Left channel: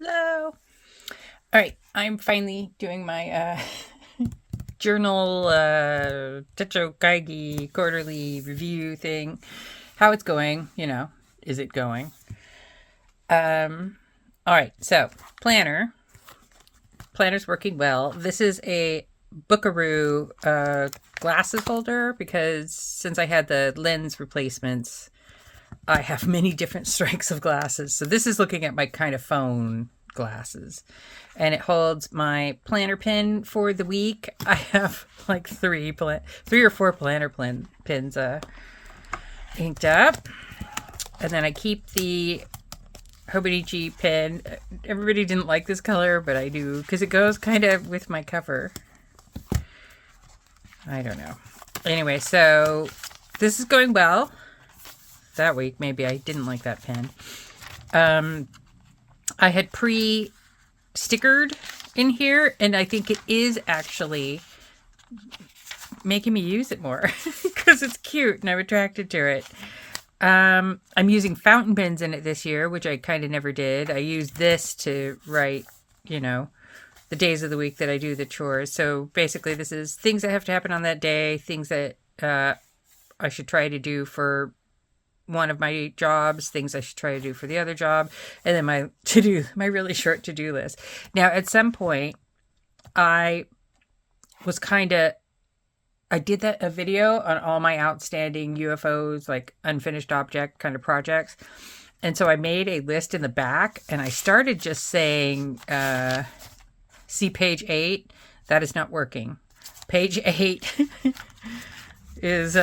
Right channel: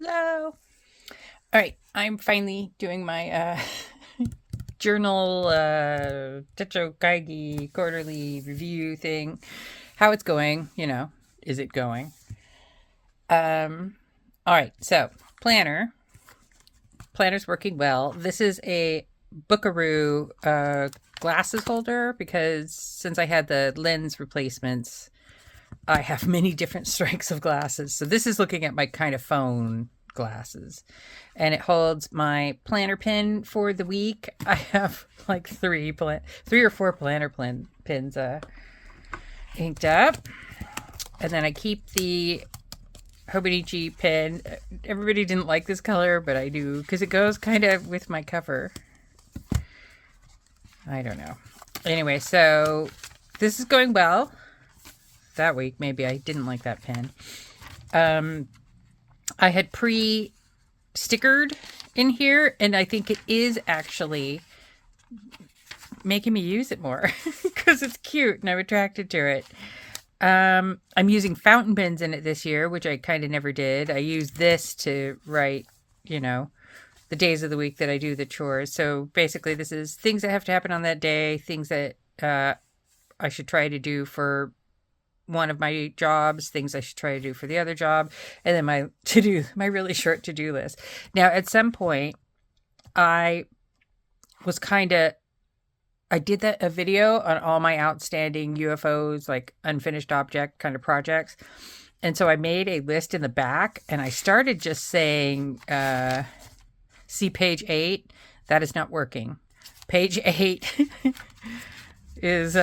Hello. All right, I'm finally doing my journal Techo Kaigi quarterly review thing. How it's going, is it going? Um all right, so planner. Planner's working well. This is a Bookaroo glasses holder because since I had the lens replacements, I have many different strengths of glasses. So this is looking at my kind of phone glasses. And it holds my planner pin for the week. I have like three or four pins inked up. And then I keep the Hobonichi pin. Everybody didn't like this color, but I do because it goes kind of with my cover. I don't know. Anyway, so this is going well. That week, maybe I didn't like that pen. I had pre-stickered in here, and I think it is actually making me use it more because it's cute and I'm attracted to it. I'm using fountain pens in it this year, which I kind of never did. I use this to write, the days of the week that I do the chores. So basically, this is things that have to happen on that day, things that I should try to do for one of my jobs, things I should try to do for the other job, and then my really short to-do list. Now, at some point, I did a video on all my outstanding UFOs, like unfinished object kind of projects. And so I made a list in the back, and I started just saying, see page 8. That is not working. Page 8 is,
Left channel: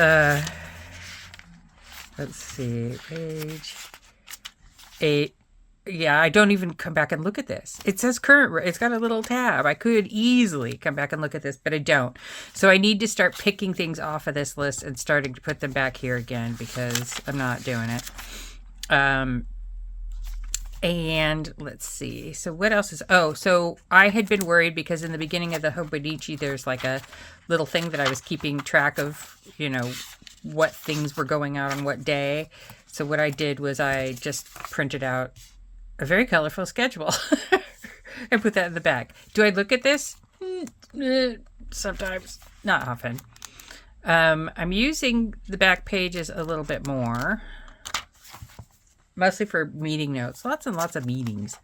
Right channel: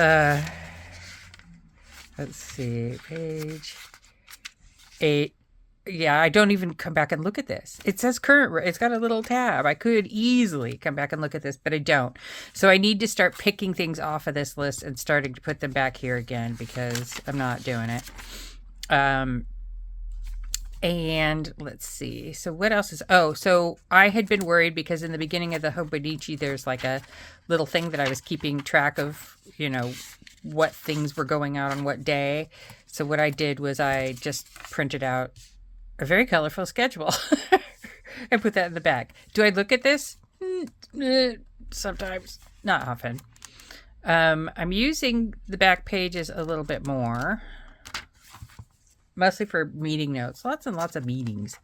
let's see, page 8. Yeah, I don't even come back and look at this. It says current. It's got a little tab. I could easily come back and look at this, but I don't. So I need to start picking things off of this list and starting to put them back here again because I'm not doing it. And let's see. So what else is... Oh, so I had been worried because in the beginning of the Hobonichi, there's like a little thing that I was keeping track of, what things were going out on what day. So what I did was I just printed out a very colorful schedule and put that in the back. Do I look at this? Sometimes. Not often. I'm using the back pages a little bit more. Mostly for meeting notes. Lots and lots of meetings.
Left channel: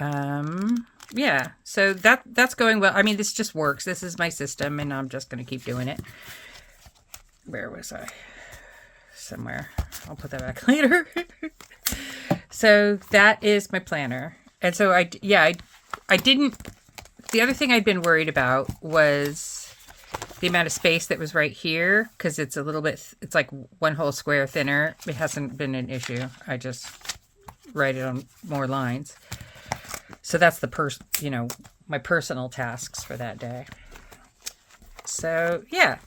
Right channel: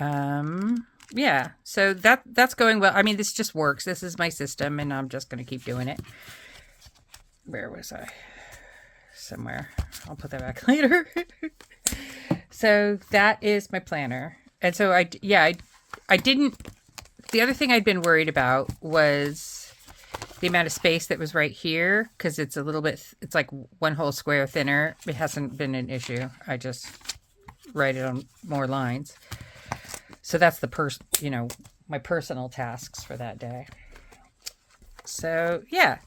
Yeah, so that's going well. I mean, this just works. This is my system, and I'm just going to keep doing it. Where was I? Somewhere. I'll put that back later. So that is my planner. And so I didn't... The other thing I'd been worried about was the amount of space that was right here, because it's a little bit, it's like one whole square thinner. It hasn't been an issue. I just write it on more lines. So that's my personal tasks for that day. So yeah,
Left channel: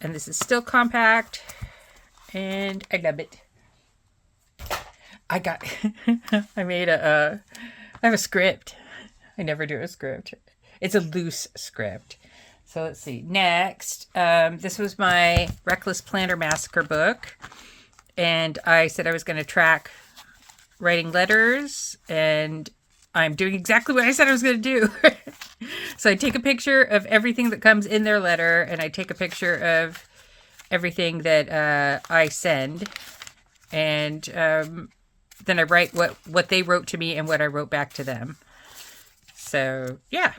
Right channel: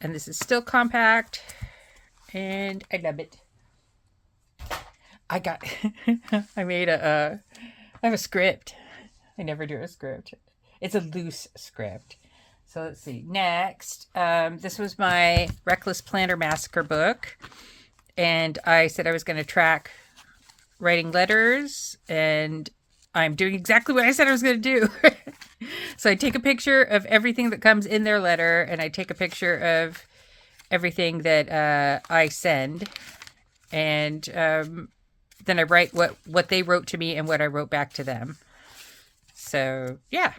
and this is still compact, and I love it. I have a script. I never do a script. It's a loose script. So let's see. Next, this was my Reckless Planner Massacre book. And I said I was going to track writing letters. And I'm doing exactly what I said I was going to do. So I take a picture of everything that comes in their letter. And I take a picture of everything that I send. And then I write what they wrote to me and what I wrote back to them. So, yeah.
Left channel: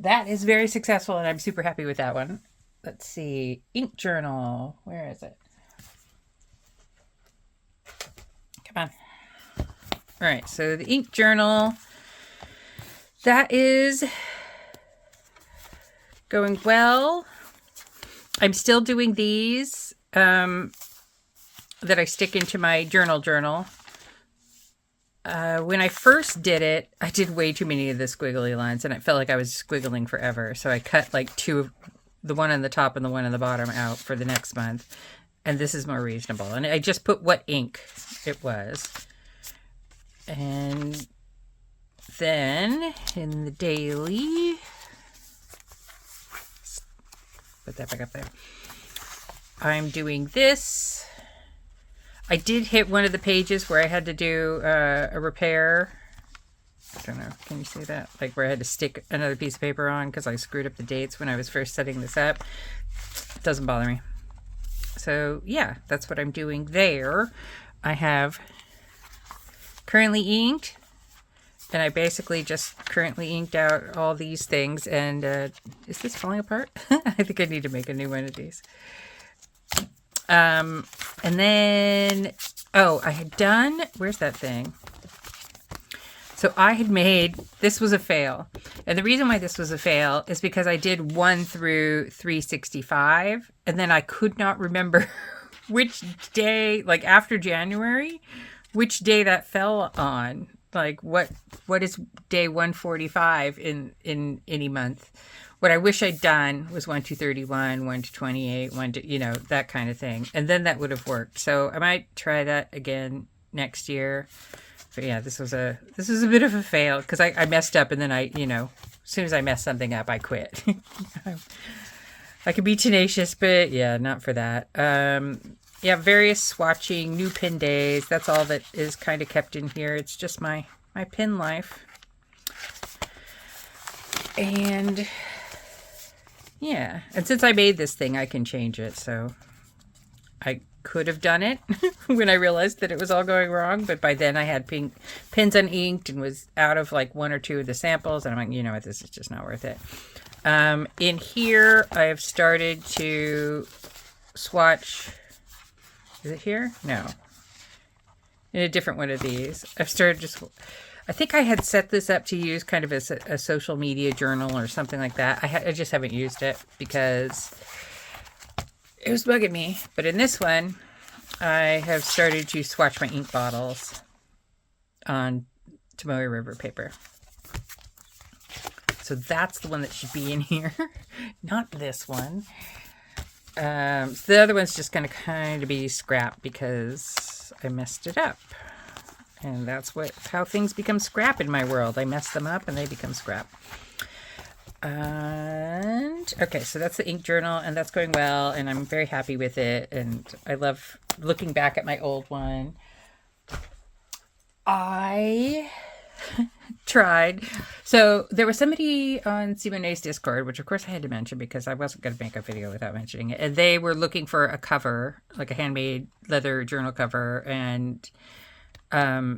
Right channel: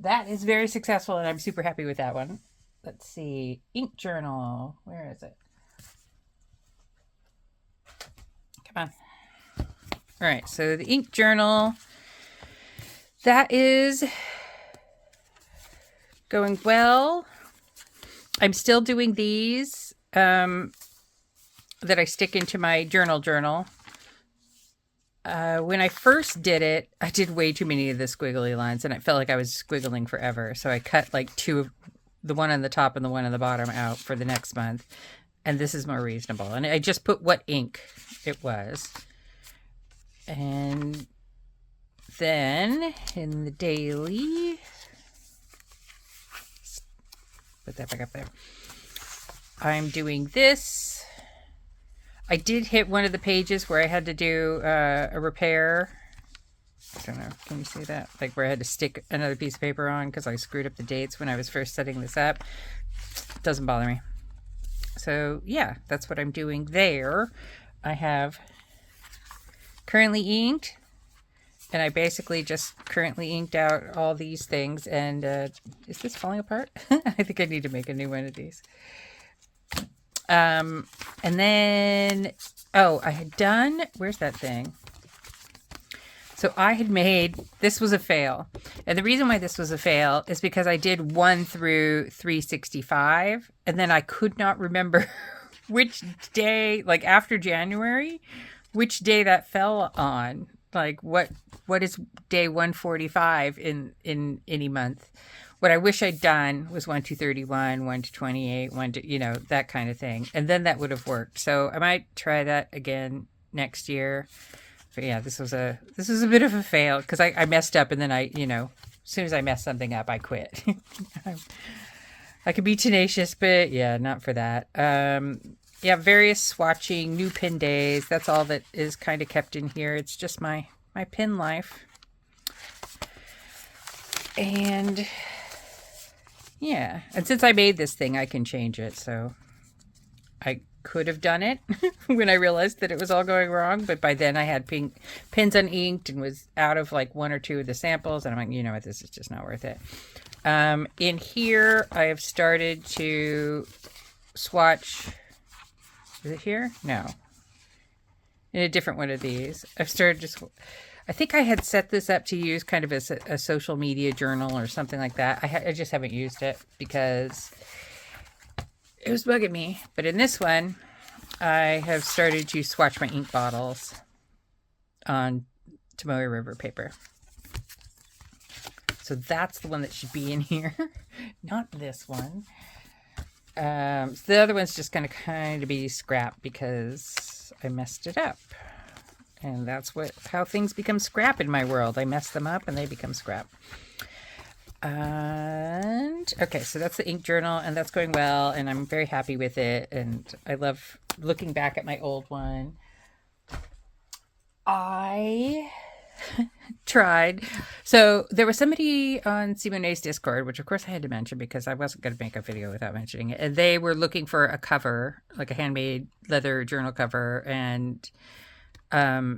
That is very successful, and I'm super happy with that one. Let's see. Ink journal. Where is it? Come on. All right, so the ink journal. That is going well. I'm still doing these that I stick into my journal. When I first did it, I did way too many of the squiggly lines, and it felt like I was squiggling forever. So I cut like two, the one on the top and the one on the bottom out for the next month. And this is more reasonable. And I just put what ink it was. And then in the daily, put that back up there. I'm doing this. I did hit one of the pages where I had to do a repair. I don't know. Can you see that? Like where I had to stick another piece of paper on because I screwed up the dates when I was first setting this up. Doesn't bother me. So yeah, that's what I'm doing there. I have currently inked, and I basically just currently inked out all these things. And is this falling apart? I think I need to make a new one of these. And then, oh, I had done, where's that thing? So I had made, this was a fail. And the reason why this was a fail is because I did 1 through 365, and then I could not remember which day, like after January, which day that fell on. Like what is day 145 in any month? What I wish I'd done was 1 to 31, 1 to 28, 1 to, you know, that kind of thing. And then that would have worked. So I might try that again next year. But yeah, this was a bit of a fail because I messed up, and then I, you know, as soon as I mess something up, I quit. I could be tenacious, but yeah, not for that. Yeah, various swatching, new pin days. That's all that is kind of kept in here. It's just my pin life. And yeah, and since I made this thing, I can change it. So I could have done it when I realized that it was all going wrong. But by then I had pins uninked and was out of like 1 or 2 of the samples. And I'm like, you know what, this is just not worth it. In here, I have started to swatch. Is it here? No. In a different one of these. I've started just... I think I had set this up to use kind of as a social media journal or something like that. I just haven't used it because it was bugging me. But in this one, I have started to swatch my ink bottles on Tomoe River paper. So that's the one that should be in here, not this one. So the other one's just going to kind of be scrap because I messed it up. And that's how things become scrap in my world. I mess them up and they become scrap. And okay, so that's the ink journal, and that's going well, and I'm very happy with it. And I love looking back at my old one. I tried. So there was somebody on Simone's Discord, which of course I had to mention because I wasn't going to make a video without mentioning it. And they were looking for a cover, like a handmade leather journal cover. And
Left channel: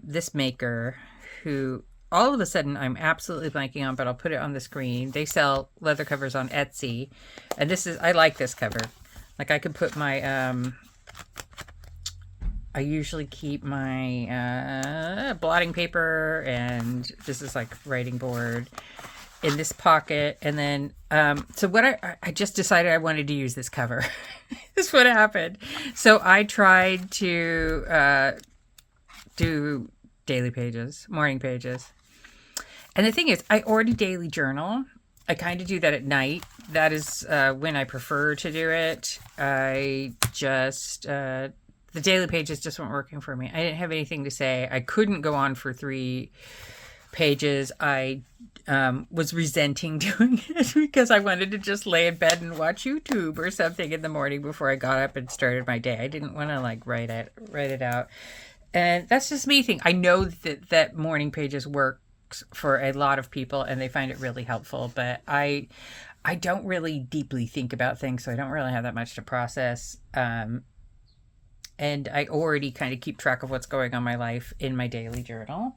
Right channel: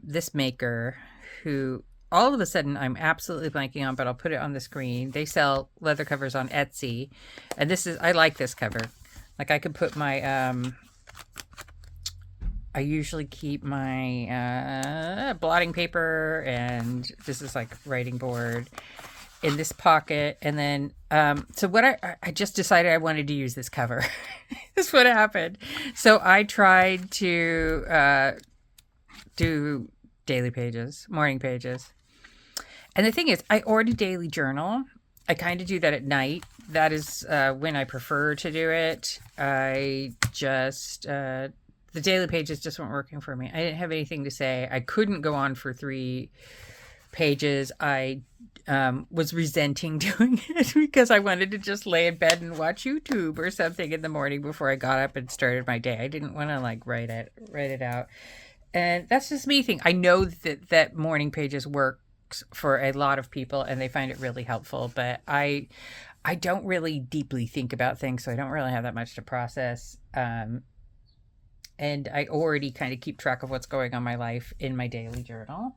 this maker, who all of a sudden I'm absolutely blanking on, but I'll put it on the screen. They sell leather covers on Etsy. And I like this cover. Like I could put my, I usually keep my blotting paper, and this is like writing board in this pocket. And then, so what I just decided I wanted to use this cover. This is what happened. So I tried to do daily pages, morning pages. And the thing is, I already daily journal. I kind of do that at night. That is when I prefer to do it. I just... the daily pages just weren't working for me. I didn't have anything to say. I couldn't go on for 3 pages. I was resenting doing it because I wanted to just lay in bed and watch YouTube or something in the morning before I got up and started my day. I didn't want to like write it out. And that's just me thing. I know that morning pages works for a lot of people and they find it really helpful, but I don't really deeply think about things, so I don't really have that much to process. And I already kind of keep track of what's going on in my life in my daily journal,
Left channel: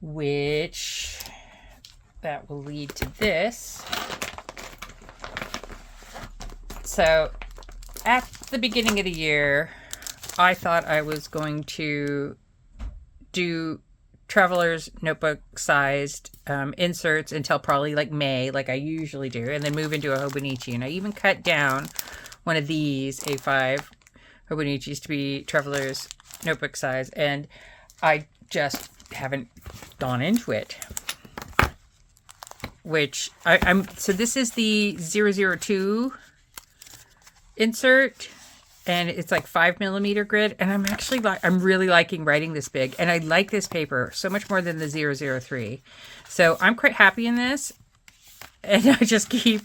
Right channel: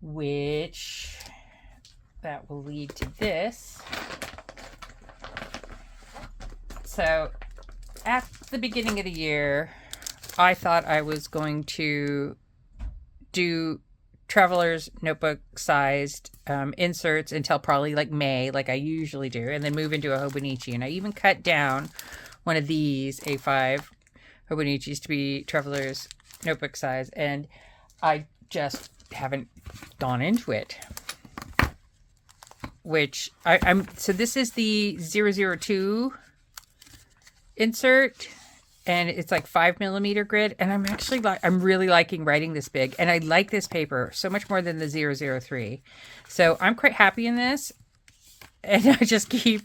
which that will lead to this. So at the beginning of the year, I thought I was going to do traveler's notebook sized inserts until probably like May, like I usually do, and then move into a Hobonichi. And I even cut down one of these A5 Hobonichis to be traveler's notebook size, and I just haven't gone into it. Which so this is the 002 insert, and it's like 5mm grid, and I'm really liking writing this big, and I like this paper so much more than the 003. So I'm quite happy in this, and I just keep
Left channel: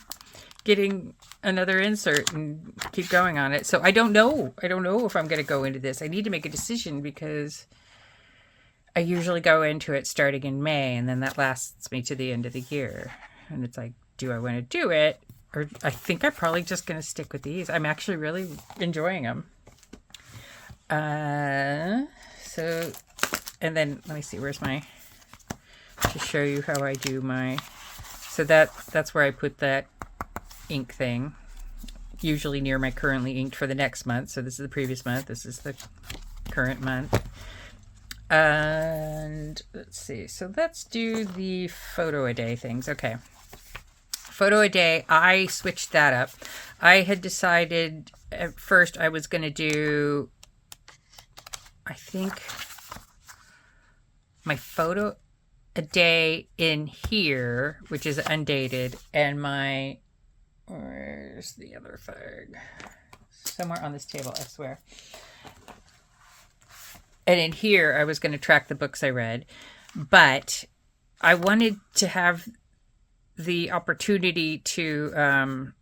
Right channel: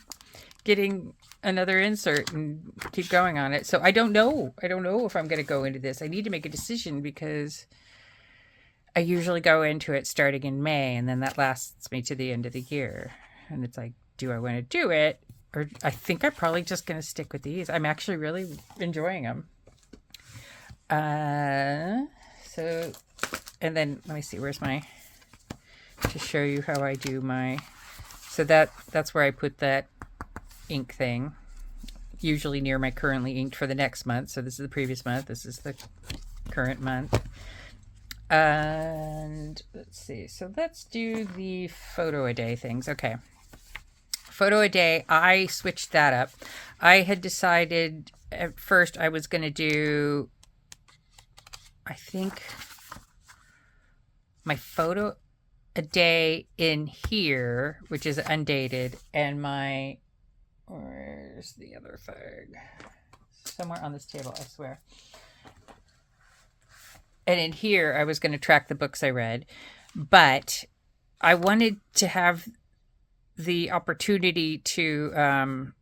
getting another insert and keep going on it. So I don't know. I don't know if I'm going to go into this. I need to make a decision because I usually go into it starting in May, and then that lasts me to the end of the year. And it's like, do I want to do it? Or I think I'm probably just going to stick with these. I'm actually really enjoying them. So, and then let me see, where's my, to show you how I do my, so that's where I put that ink thing, usually near my currently inked for the next month. So this is the previous month. This is the current month. And let's see. So let's do the photo a day things. Okay. Photo a day. I switched that up. I had decided at first I was going to do, I think, my photo a day in here, which is undated, and my, where's the other thing? Somewhere on this table, I swear. And in here, I was going to track the books I read, but I wanted to have the opportunity to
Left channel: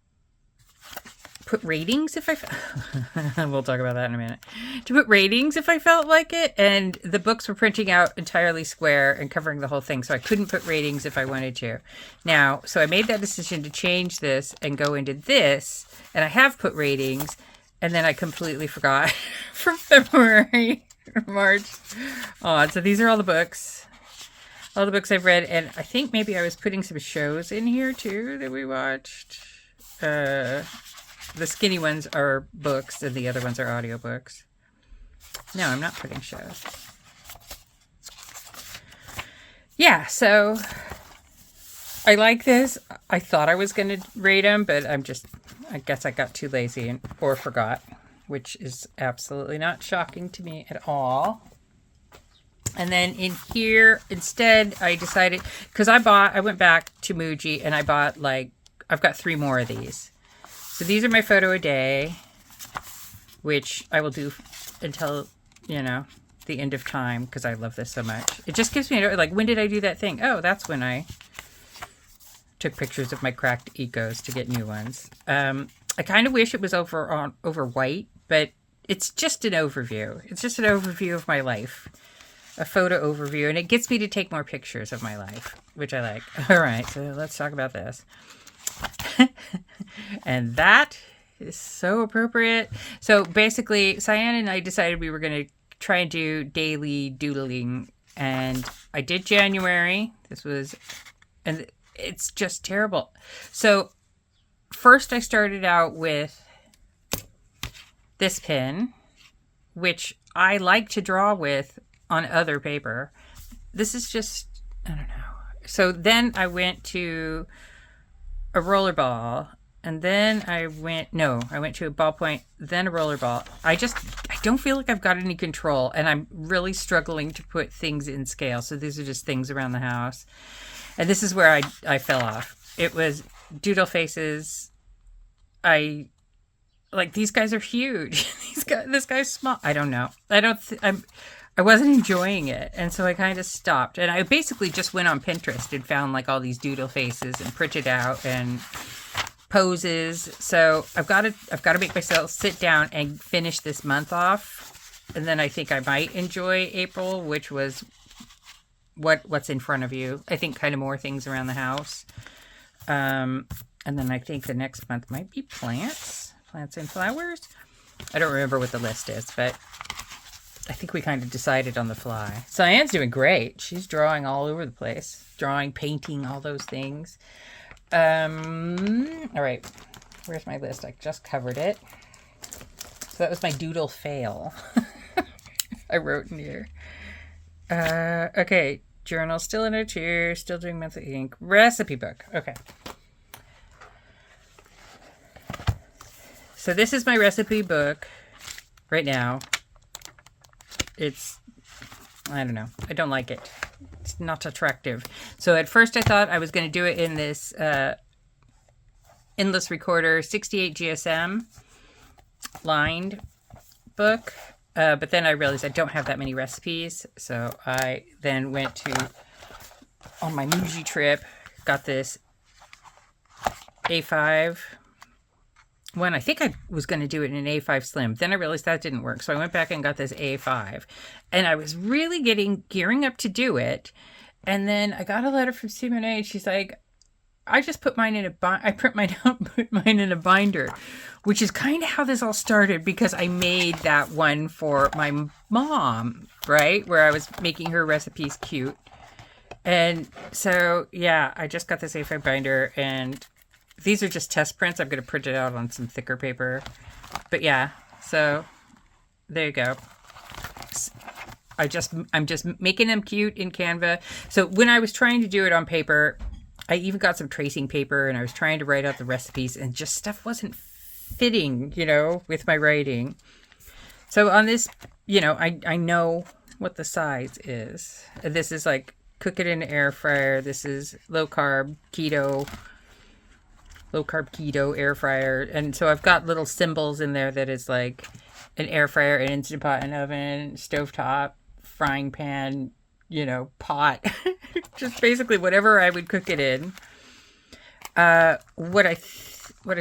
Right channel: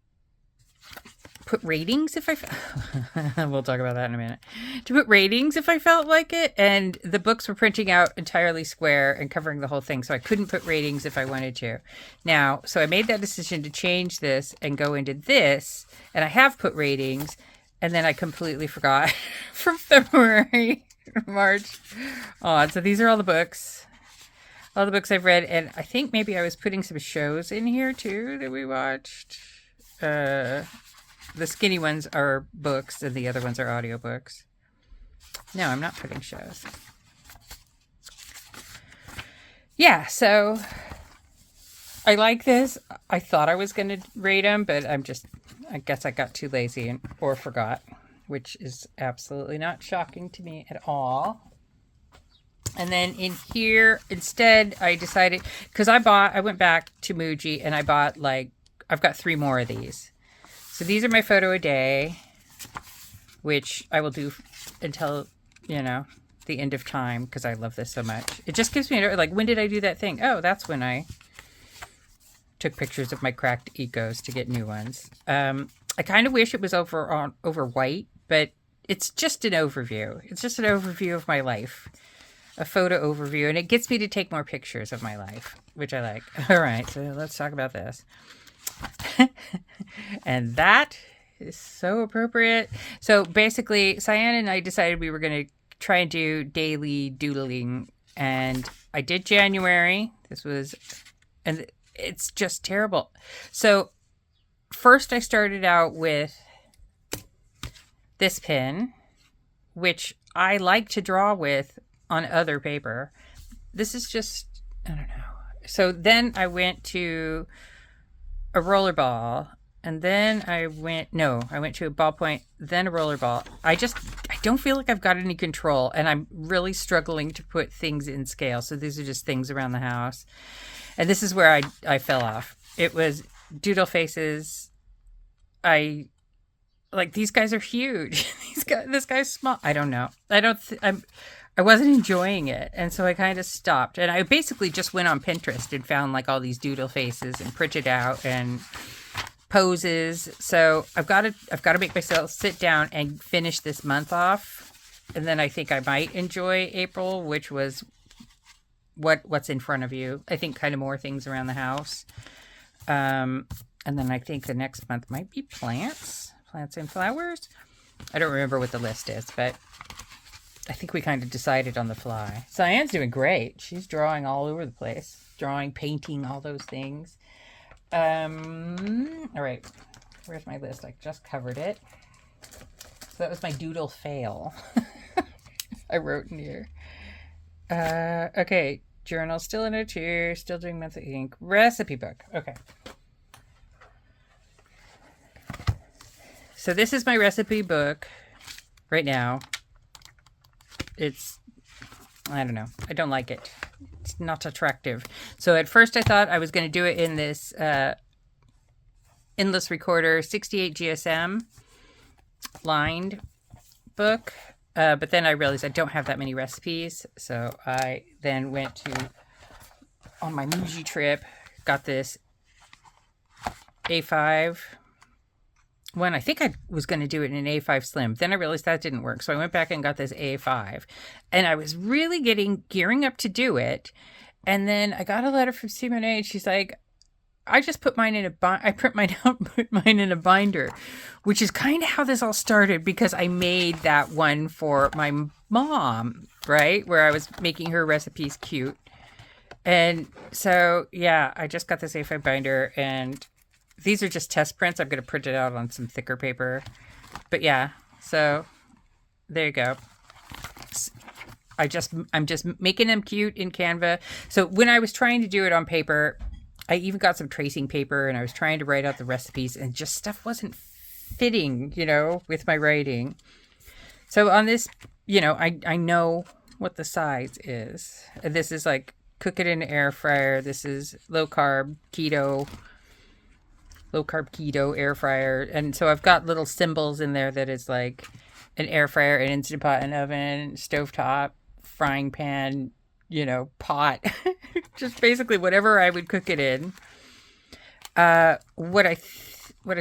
put ratings if I we'll talk about that in a minute. To put ratings if I felt like it, and the books were printing out entirely square and covering the whole thing, so I couldn't put ratings if I wanted to. Now, so I made that decision to change this and go into this, and I have put ratings, and then I completely forgot from February. March. Oh, so these are all the books I've read, and I think maybe I was putting some shows in here too that we watched. The skinny ones are books and the other ones are audiobooks. No, I'm not putting shows. Yeah, so I like this. I thought I was going to rate them, but I guess I got too lazy or forgot, which is absolutely not shocking to me at all. And then in here, instead, I decided, because I went back to Muji and I bought I've got 3 more of these. So these are my photo a day, which I will do until, the end of time, because I love this so much. It just gives me, when did I do that thing? Oh, that's when I took pictures of my cracked ecos to get new ones. I kind of wish it was over white, but it's just an overview. It's just an overview of my life, a photo overview, and it gets me to take more pictures of my life, which I like. All right, so let's talk about this. And that is so appropriate. So basically, Cyan and I decided we were going to try and do daily doodling, and I did January. And it's just terrible. So first I started out with this pen, which I like to draw with on other paper. This is just, I don't know. So then I went to a rollerball, and then I went to a ballpoint, then a rollerball. I don't feel like I've got any control, and I'm really struggling to put things in scale. So these are just things around the house. And this is where I fell off. It was doodle faces. These guys are huge. This guy's small. I don't know. I wasn't enjoying it. And so I kind of stopped. And I basically just went on Pinterest and found all these doodle faces and printed out and poses. So I've got to make myself sit down and finish this month off. And then I think I might enjoy April, which was what's in front of you. I think kind of more things around the house. And then I think the next month might be plants and flowers. I don't remember what the list is, but I think we kind of decided on the fly. Cyan's doing great. She's drawing all over the place. Drawing, painting, all those things. All right. Where's my list? I just covered it. So that was my doodle fail. I wrote in here. Okay. Journal still in it here. Still doing monthly ink. Recipe book. Okay. So this is my recipe book right now. I don't know. I don't like it. It's not attractive. So at first I thought I was going to do it in this Endless Recorder 68 GSM lined book. But then I realized I don't have that many recipes. So I then went on my Muji trip, got this A5 one, I think I was going to do it in an A5 Slim. Then I realized that didn't work. So I went back and got this A5. And I was really gearing up to do it. And then I got a letter from Simone, and she's like, I just put mine in I print mine out, put mine in a binder, which is kind of how this all started, because I made that one for my mom, right? Where I was making her recipes cute. And so, yeah, I just got this A5 binder, and these are just test prints. I'm going to print it out on some thicker paper. But yeah, so there you go. I'm just making them cute in Canva. So when I was trying to do it on paper, I even got some tracing paper, and I was trying to write out the recipes, and just stuff wasn't fitting, with my writing. So on this, I know what the size is. This is like cook it in an air fryer. This is low carb keto air fryer. And so I've got little symbols in there that is like an air fryer, an Instant Pot and oven, stovetop, frying pan, pot. Just basically whatever I would cook it in. What I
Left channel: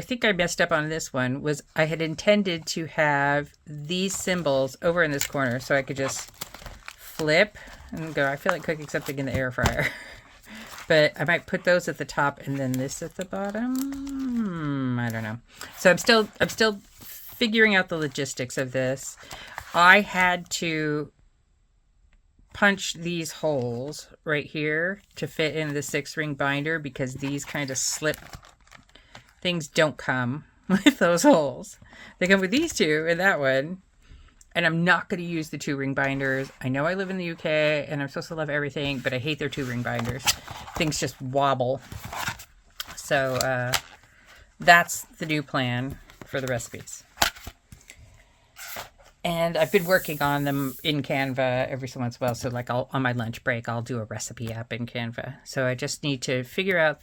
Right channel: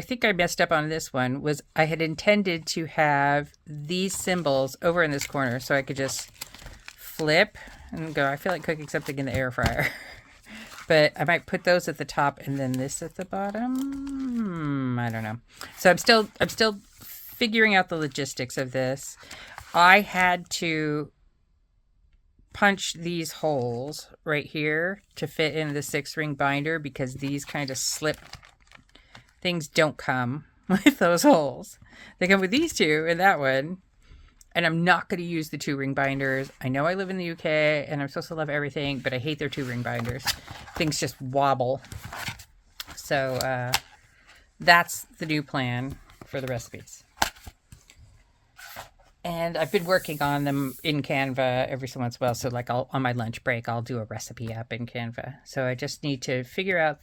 think I messed up on this one was I had intended to have these symbols over in this corner, so I could just flip and go, I feel like cooking something in the air fryer. But I might put those at the top and then this at the bottom. I don't know. So I'm still figuring out the logistics of this. I had to punch these holes right here to fit in the 6-ring binder, because these kind of slip things don't come with those holes. They come with these two and that one. And I'm not going to use the 2-ring binders. I know I live in the UK and I'm supposed to love everything, but I hate their 2-ring binders. Things just wobble. So that's the new plan for the recipes. And I've been working on them in Canva every so once in a while. So like on my lunch break, I'll do a recipe app in Canva. So I just need to figure out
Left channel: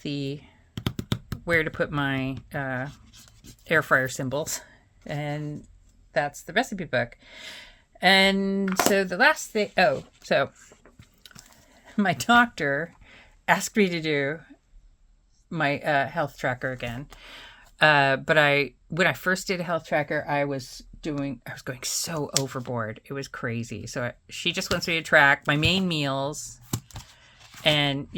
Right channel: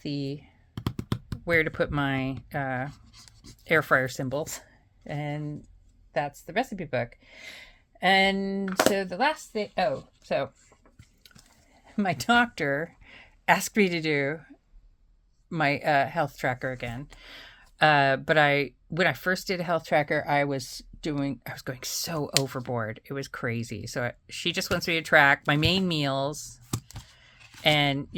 where to put my air fryer symbols. And that's the recipe book. And so the last thing, so my doctor asked me to do my health tracker again. But when I first did a health tracker, I was going so overboard. It was crazy. So she just wants me to track my main meals and,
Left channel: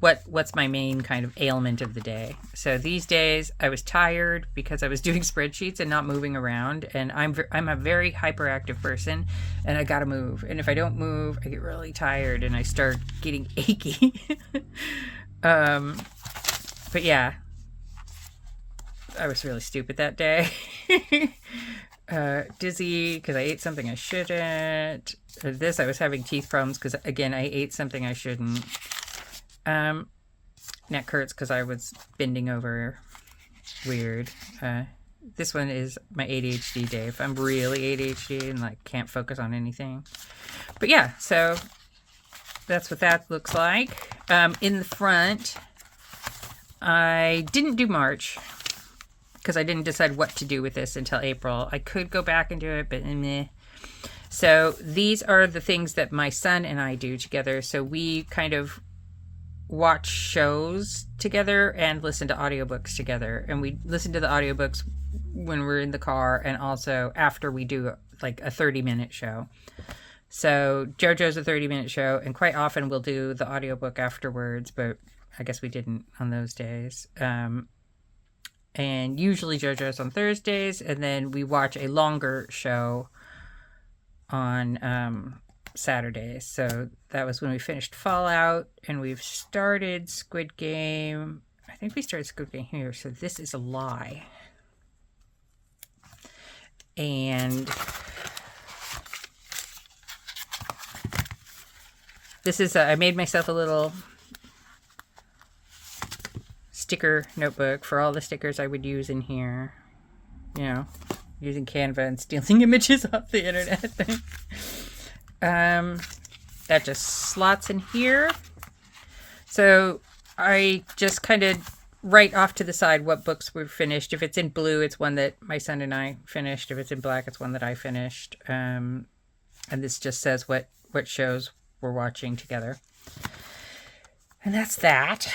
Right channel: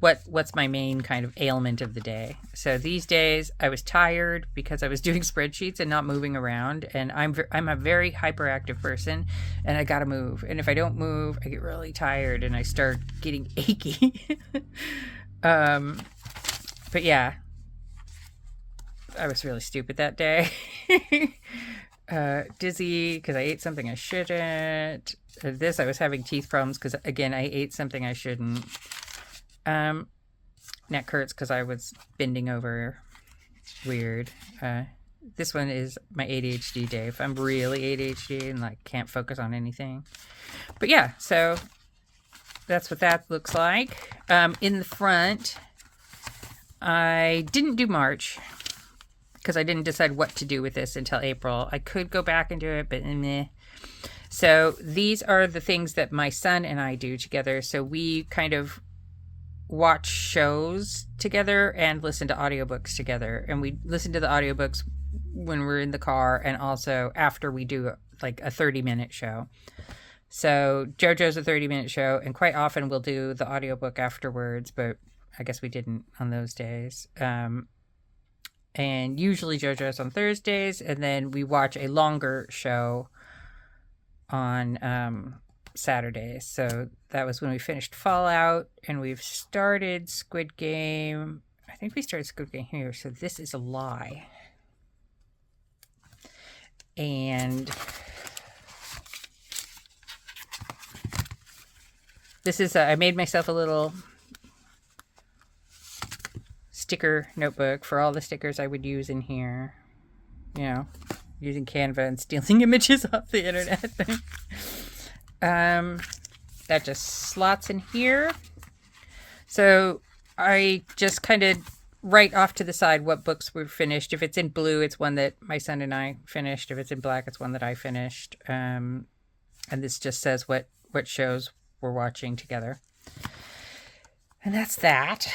what's my main kind of ailment of the day. So these days I was tired because I was doing spreadsheets and not moving around. And I'm a very hyperactive person, and I got to move. And if I don't move, I get really tired and I start getting achy. But yeah, I was really stupid that day. Dizzy because I ate something I shouldn't. I was having teeth problems because, again, I ate something I shouldn't. Neck hurts because I was bending over weird. This one is my ADHD day. If I'm really ADHD and can't focus on anything. But yeah, so that's what that looks like. In the front, I didn't do March because I didn't decide what to do with this until April. I could go back and do it, but meh. So these are the things that my son and I do together. So we kind of watch shows together and listen to audiobooks together. And we listen to the audiobooks when we're in the car and also after we do a 30-minute show. So JoJo's a 30-minute show, and quite often we'll do the audiobook afterwards, but I guess we didn't on those days. And usually JoJo's on Thursdays, and then we watch a longer show on Saturdays. So that was when we finished Fallout, and we've started Squid Game. I think we started Squid Game here, so this is a lie. And this is, I made myself a little sticker notebook for all the stickers I would use in here. Using Canva and stealing images off the internet. That just slots in here. So I just kind of write off to the side what books were finished. If it's in blue, it's one that my son and I finished. If it's in black, it's one that I finished. And this just says what shows we're watching together. And that's that.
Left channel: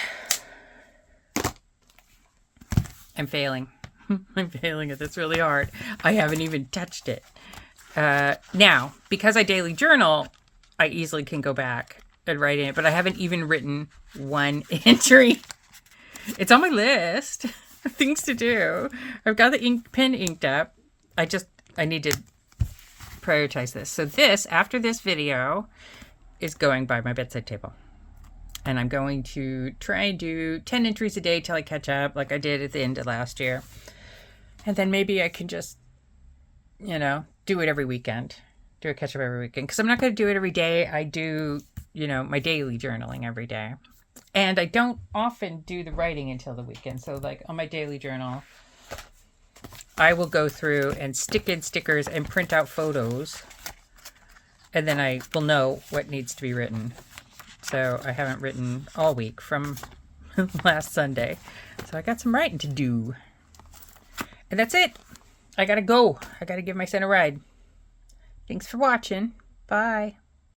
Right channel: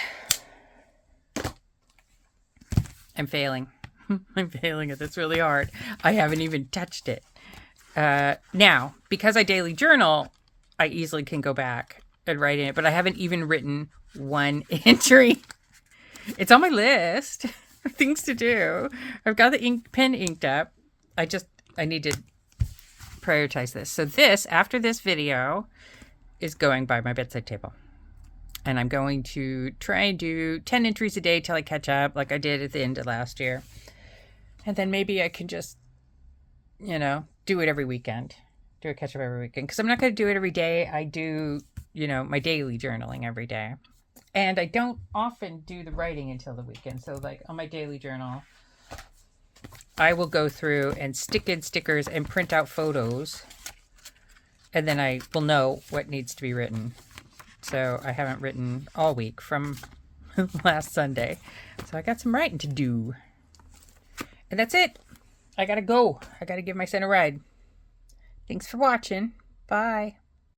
I'm failing. I'm failing at this really hard. I haven't even touched it. Now, because I daily journal, I easily can go back and write in it, but I haven't even written one entry. It's on my list of things to do. I've got the pen inked up. I need to prioritize this. So this, after this video, is going by my bedside table. And I'm going to try and do 10 entries a day till I catch up, like I did at the end of last year. And then maybe I can just, do it every weekend. Do a catch up every weekend. Because I'm not going to do it every day. I do, my daily journaling every day. And I don't often do the writing until the weekend. So like on my daily journal, I will go through and stick in stickers and print out photos. And then I will know what needs to be written. So I haven't written all week from last Sunday. So I got some writing to do. And that's it. I gotta go. I gotta give my son a ride. Thanks for watching. Bye.